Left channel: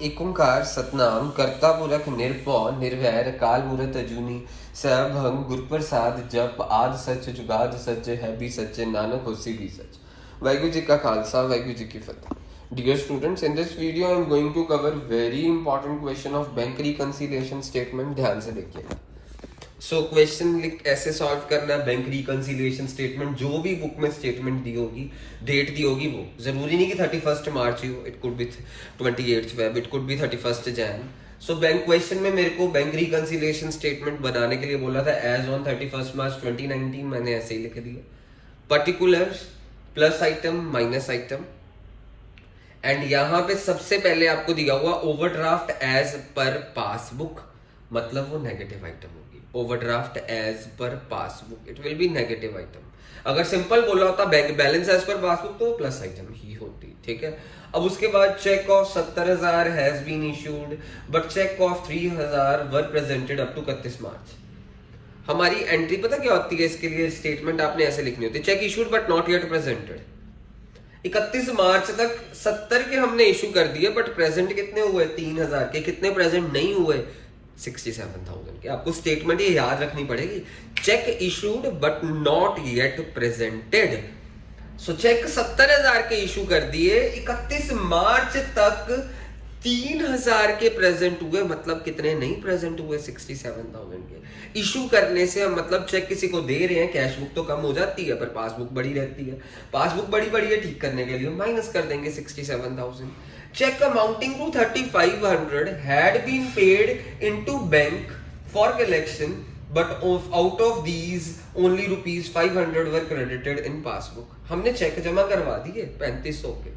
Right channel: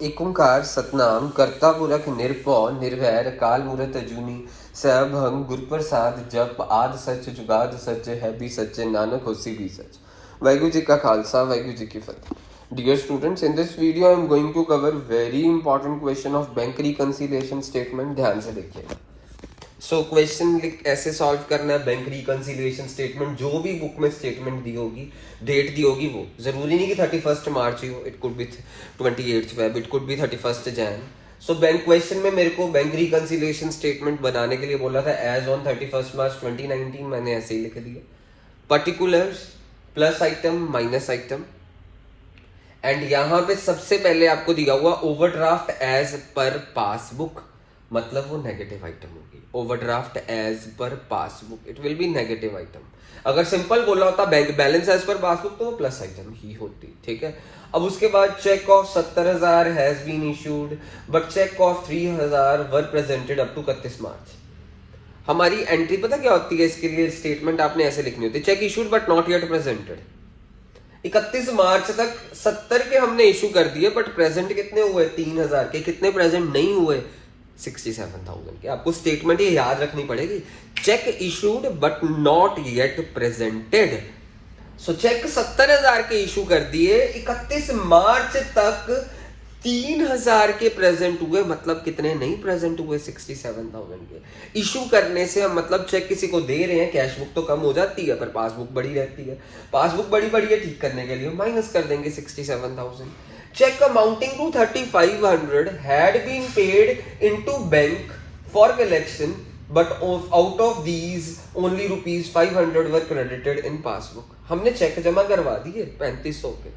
एक ओंकार सतनाम करता पुरख निरभौ निर्वैर काल मूरत अजूनी सभंग गुरप्रसाद जप आद सच जुगाद सच है भी सच नानक होसी भी सच। वाहिगुरु जी का खालसा वाहिगुरु जी की फतेह। Dear students, in this video I am going to cover very important question of bank reconciliation statement। ध्यान से देखिएगा। क्वेश्चन ऐसे सॉल्व करना है। बैंक रिकंसिलिएशन स्टेटमेंट जो भी बुक में स्टेटमेंट दी होगी, डेट दी होगी, वो जरूरी नहीं कि 31 मार्च ही हो, it could be 28 Feb, it could be 31 Jain. Bank question में मेरे को बैंक रिकंसिलिएशन स्टेटमेंट बनाने के लिए बोला था एज ऑन 31 मार्च 2019, मैंने ऐसे ही लिख दिया। Particulars plus item minus item, and यहाँ पे सबसे पहले आपको दिया हुआ ओवरड्राफ्ट एज पर पासबुक, मतलब वो नेगेटिव आइटम होगी। Overdraft as per passbook it will be negative item. अगर सिंपल बोलना होता bank balance as per passbook तो प्लस आइटम ही होती, ठीक है। अब उसके बाद cheque of 70,000 has been issued but cheque of 3,000 were presented up to 31 March. हमारी एंट्री पता क्या होती है इसके लिए? स्टेटमेंट आपने ऐसे लिखनी होती है, check issued but not yet presented. 31 मार्च तक 70 के हमने इशू कर दिए बट प्रेजेंट कितने हुए? 3,000 के। कितने प्रेजेंट नहीं हुए? 67,000 के। आपको स्टेटमेंट ये याद रखनी पड़ेगी, cheque issued but not yet presented. So cheque 70,000 के इशू कर दिए, 31 मार्च तक 3,000 के प्रेजेंट हुए, मतलब कितने नहीं प्रेजेंट हुए? 67,000 के। इशू करने से हम मतलब चेक किसी को दे रहे हैं, कैश बुक तो कम हो जाती है पर पासबुक बड़ी रहती है। पासबुक बड़ी बड़ी है, ठीक करने के लिए माइनस कर देंगे 67,000। Check amounting to 3,500 had been paid into bank for collection, but out of these only ₹500 were credited in passbook। हमने चेक जमा करवा दिए 3,500 के,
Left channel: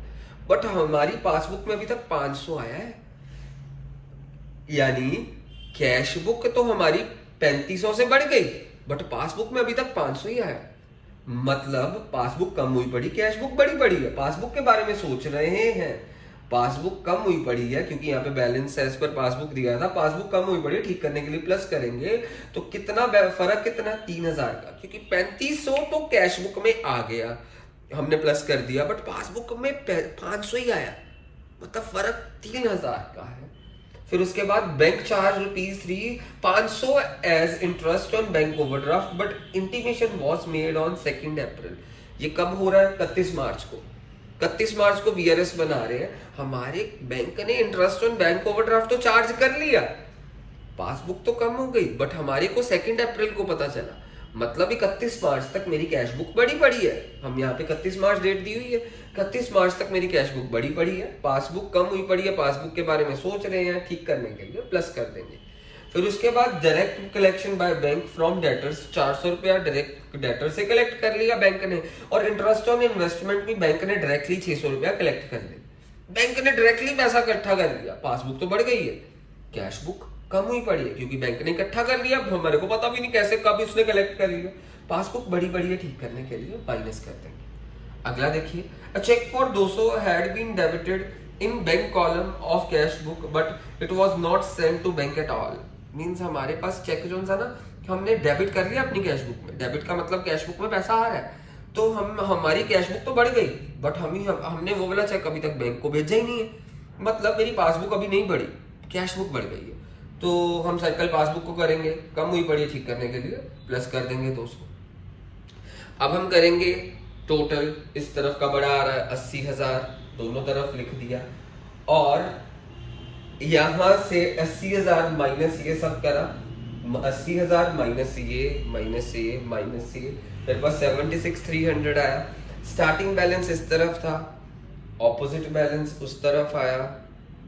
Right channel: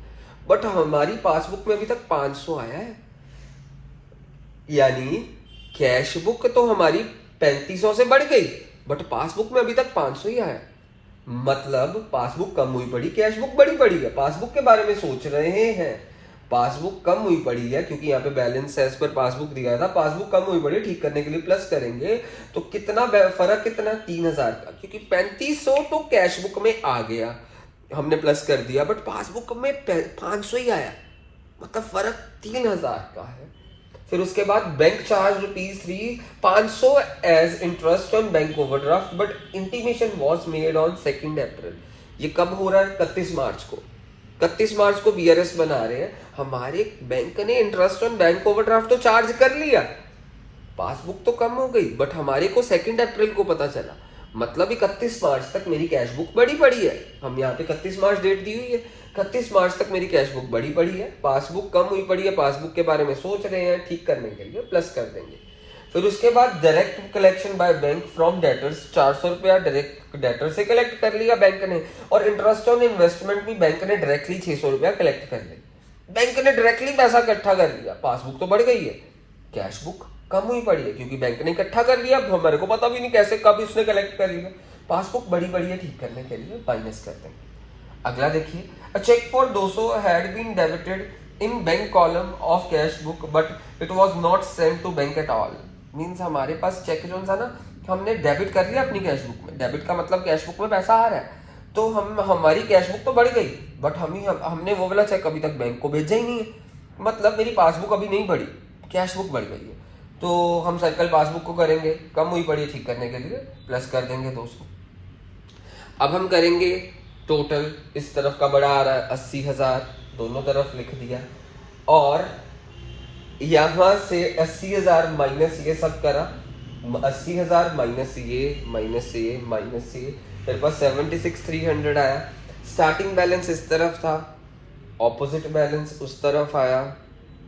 बट हमारी पासबुक में अभी तक 500 आया है। यानी कैश बुक तो हमारी 3,500 से बढ़ गई बट पासबुक में अभी तक 500 ही आया। मतलब पासबुक कम हुई पड़ी, कैश बुक बड़ी पड़ी है। पासबुक के बारे में सोच रहे हैं, पासबुक कम हुई पड़ी है क्योंकि यहाँ पे बैलेंस एज पर पासबुक दिया था, पासबुक कम हुई पड़ी है। ठीक करने के लिए प्लस करेंगे तो कितना फर्क, कितना? 3,000 का, क्योंकि 3,500 तो कैश बुक में आ गया, हमने प्लस कर दिया, बट पासबुक में 500 ही आया, मतलब फर्क 3,000 का है। फिर उसके बाद bank charge ₹3,500 as interest on bank overdraft but intimation was made on 2 April. ये कब हो रहा है? 31 मार्च को। 31 मार्च को बीआरएस बना रहे हैं, हमारे बैंक ने इंटरेस्ट ऑन बैंक ओवरड्राफ्ट तो चार्ज कर लिया, पासबुक तो कम हो गई, बट हमारे को 2 अप्रैल को पता चला, मतलब 31 मार्च तक मेरी कैश बुक बड़ी पड़ी है। हम यहाँ पे 31 मार्च डेट दी हुई है, 31 मार्च तक मेरी कैश बुक बड़ी पड़ी है, पासबुक कम हुई पड़ी है। पासबुक के बारे में सोच रहे हैं, ठीक करने के लिए प्लस कर देंगे। फिर उसके बाद direct collection by bank from debtors, 400 रुपया डायरेक्ट डेटर से कलेक्ट कर लिया बैंक ने, और इंटरेस्ट ऑन इन्वेस्टमेंट भी बैंक ने डायरेक्टली 600 रुपया कलेक्ट कर लिया। बैंक ने डायरेक्टली पैसा इकट्ठा कर लिया, पासबुक तो बढ़ गई है, कैश बुक कम हुई पड़ी है क्योंकि बैंक ने इकट्ठा कर लिया। हमारे को पता भी नहीं कैसे कब इसने कलेक्ट कर लिया, पासबुक बड़ी बड़ी है, ठीक करने के लिए माइनस कर देंगे। अगला देखिए, a cheque for 200 had been debited in bank column of cash book but it was not sent to bank at all. Means हमारे पास चेक जो था ना, हमने डेबिट कर लिया अपनी कैश बुक में। डेबिट का मतलब कैश बुक में पैसा आ रहा है, तो हमारी कैश बुक तो बढ़ गई बट हमने वो वाला चेक अभी तक बैंक को भेजा ही नहीं है, मतलब मेरी पासबुक अभी नहीं बढ़ी, कैश बुक बढ़ गई है। तो हम साइकिल पासबुक को करेंगे, कम हुई पड़ी है, ठीक करने के लिए प्लस कर देंगे 200। अब हम करेंगे टोटल, इस तरफ का बड़ा आ रहा है 80,000, दोनों तरफ लिख दिया, और यहां से 80,000 माइनस ये सब करा, 80,000 माइनस ये माइनस ये माइनस ये, मेरे पास 76,300 आया। स्टार्टिंग बैलेंस इस तरफ था, ऑपोजिट बैलेंस उस तरफ आया,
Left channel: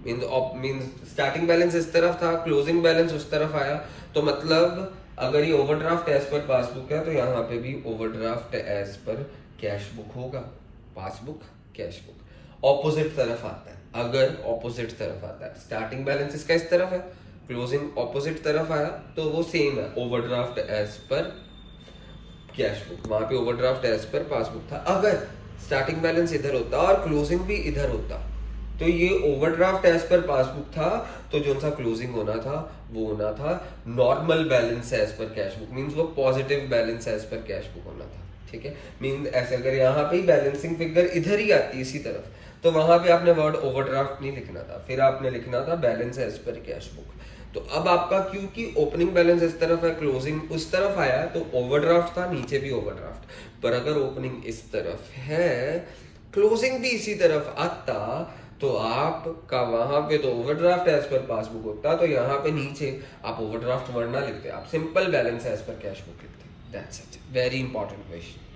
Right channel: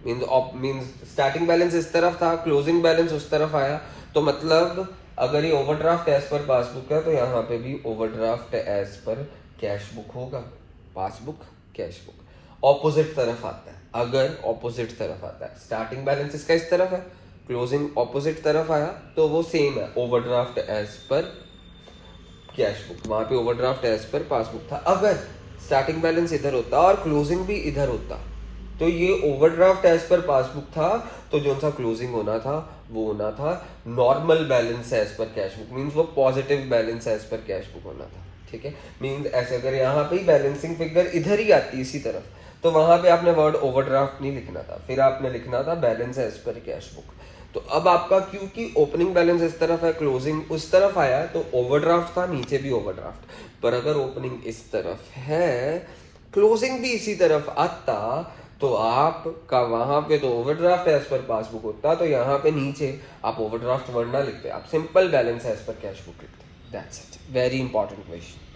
मींस स्टार्टिंग बैलेंस इस तरफ था, क्लोजिंग बैलेंस उस तरफ आया। तो मतलब अगर ये ओवरड्राफ्ट एज पर पासबुक है तो यहाँ पे भी overdraft as per cash book होगा, पासबुक कैश बुक। ऑपोजिट तरफ आता है, अगर ऑपोजिट तरफ आता है, स्टार्टिंग बैलेंस इसका इस तरफ है, क्लोजिंग ऑपोजिट तरफ आया तो वो सेम है, overdraft as per cash book. वहां पे ओवरड्राफ्ट एज पर पासबुक था। अगर स्टार्टिंग बैलेंस इधर होता और क्लोजिंग भी इधर होता तो ये ओवरड्राफ्ट एज पर पासबुक था, तो जो सा क्लोजिंग होना था वो होना था normal balance as per cash book, means वो positive balance as per cash book होना था, ठीक है। मींस ऐसे अगर यहाँ पे ही बैलेंसिंग फिगर इधर ही आती इसी तरफ तो वहां पे आपने वर्ड ओवरड्राफ्ट नहीं लिखना था, फिर आपने लिखना था balance as per cash book. तो अब आपका क्योंकि ओपनिंग बैलेंस इस तरफ है, क्लोजिंग उस तरफ आया, तो ओवरड्राफ्ट था, नीचे भी ओवरड्राफ्ट। पर अगर ओपनिंग इस तरफ है, क्लोजिंग भी इसी तरफ आता, तो आपका वहां पे तो ओवरड्राफ्ट एज पर पासबुक होता, तो यहाँ पे नीचे आप ओवरड्राफ्ट वर्ड ना लिखते, आप simple balance as per cash book लिखते। That's it, very important question.